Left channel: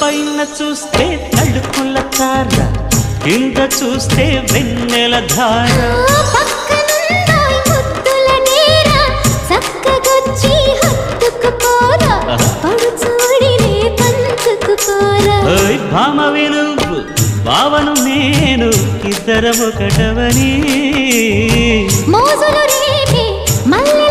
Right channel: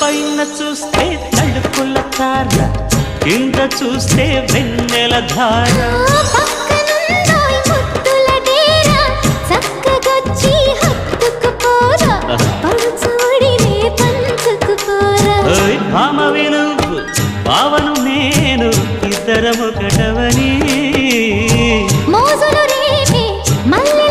పైన చూస్తే తడుకుల తార, కింద చూస్తే వెన్నెల ధార. పక్కనుందోయ్ ముద్దుల డేరా, చక్కగొచ్చి హత్తుకుపోరా, పడుచూడినే పంచుకుపోరా. భామ విలువు భావను నేను, ఇద్దరమొకటవని మోజులు రేపే మల్లె